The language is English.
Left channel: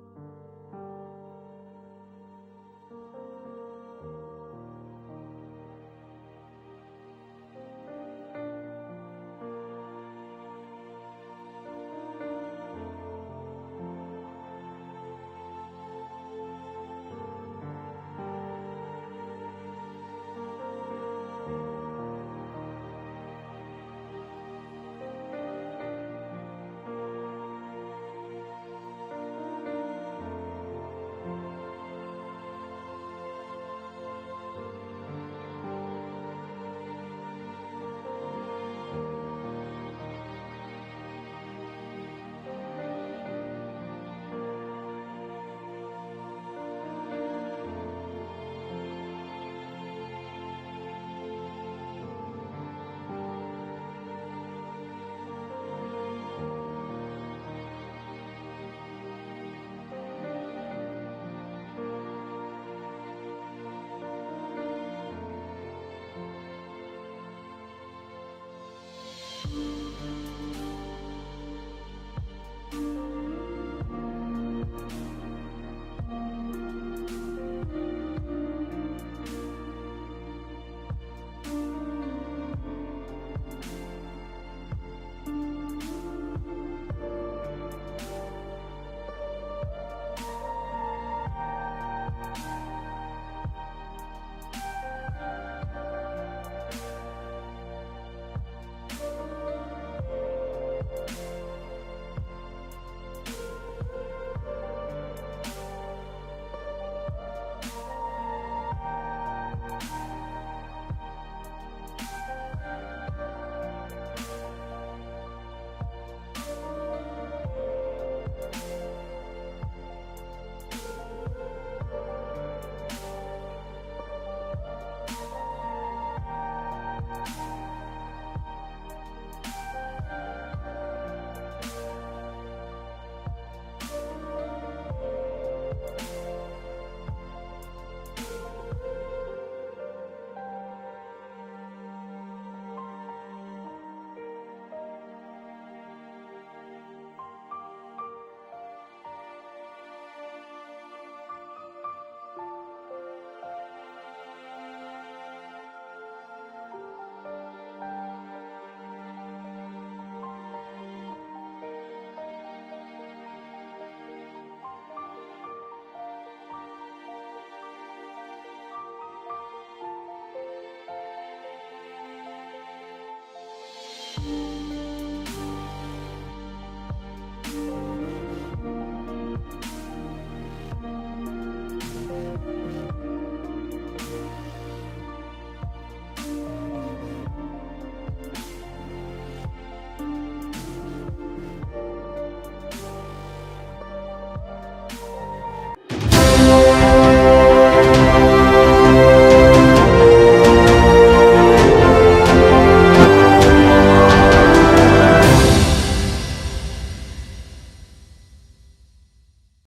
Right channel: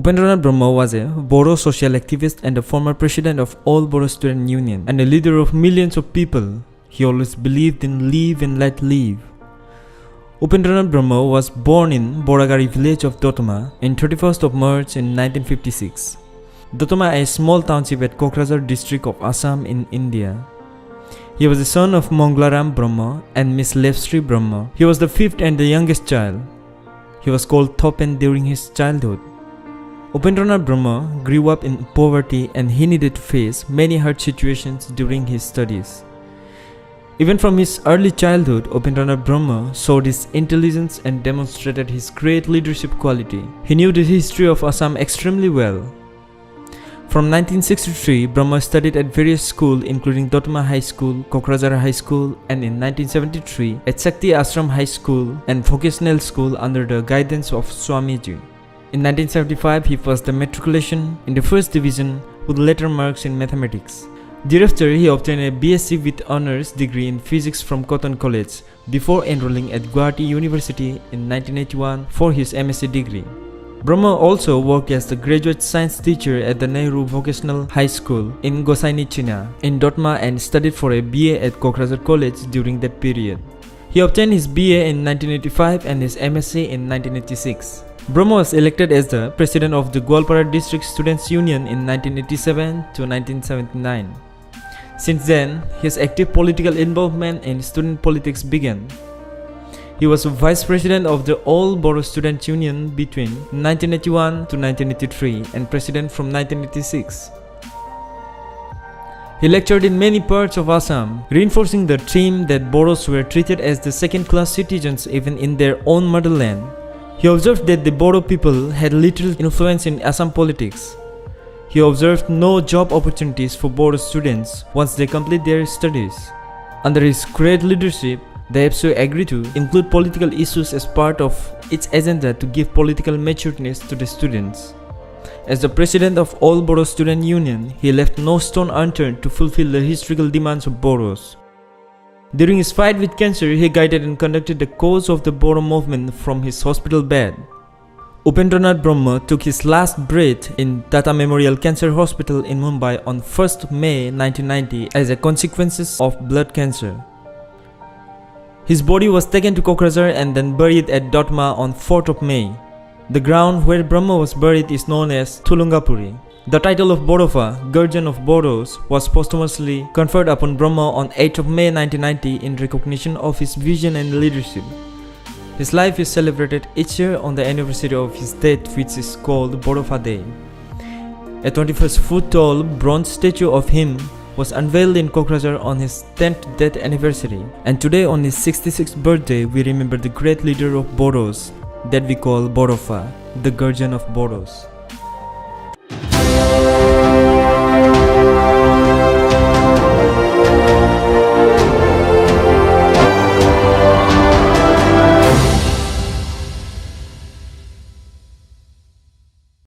Upendranath Brahma was a Bodo social activist and a former president of All Bodo Student Union and a leader of millions of people. He always believed in live and let live. Upendranath Brahma was born in Boragari village of Dotoma in 31st of March in 1956. Dotoma is a small township at Kokrajhar district of Assam in India. He was the son of Manglaram Brahma and Miss Levsri Brahma. He was the fifth and the youngest child. He was called Thopen during his childhood. Upendranath Brahma grew up in poverty and he needed to face many hard situations during his studies. Even from his early childhood, Upendranath Brahma showed his intelligence and demonstrated his great leadership quality. He knew the history of Assam extremely well. From 1963, Brahma studied at various schools including Dotoma High School, Kokrajhar High School, and in 1973 at Shakti Ashram High School and Vocational School under the guidance of Swamiji. In 1975, he passed the matriculation in the first division with letter marks in mathematics. Thereafter, he obtained a BSc with honors degree in physics from Cotton College before enrolling at Guwahati University in 1981 for his MSc degree. Brahma also worked as the graduate science teacher at the Nehru Vocational High School in Gosaini China in Dotma and studied for a BA at Kokrajhar College during that period. He obtained his BA in 1985 and his MSc in 1986. Brahma was elected as the president of the Gwalpara District Students Union in 1987 to 1979. Since then, his active political involvement in student politics began. He was vice president of the All Bodo Student Union between 1981 to 1983 and president from 1986. He lectured in many parts of Assam, reinforcing the theme that Bodos were treated as the second-class citizens even in their own motherland. He observed that the Bodo people had little influence in Assam politics. He observed no job opportunities for Bodo students once they complete their studies. Under his great leadership, the APSU agreed to include political issues as part of its agenda to give political matureness to the students. As the president of All Bodo Student Union, he left no stone unturned to fulfill the historical demands of Bodos. During his fight with cancer, he guided and conducted the cause of the Bodo movement from his hospital bed. Upendranath Brahma took his last breath in Tata Memorial Cancer Hospital in Mumbai on 1st May 1990 as a consequence of blood cancer. His body was taken to Kokrajhar and then buried at Dotma on 4th of May. The ground where Brahma was buried is known as Thulungapuri. The title of Bodofa, Guardian of Bodos, was posthumously conferred upon Brahma on 8th of May 1990 in recognition of his vision and leadership. His life is celebrated each year on the anniversary of his death, which is called Bodofa Day. A 21-foot tall bronze statue of him was unveiled in Kokrajhar on his 10th death anniversary, and today on his 66th birthday we remember the great leader of Bodos that we call Bodofa, the Guardian of Bodos.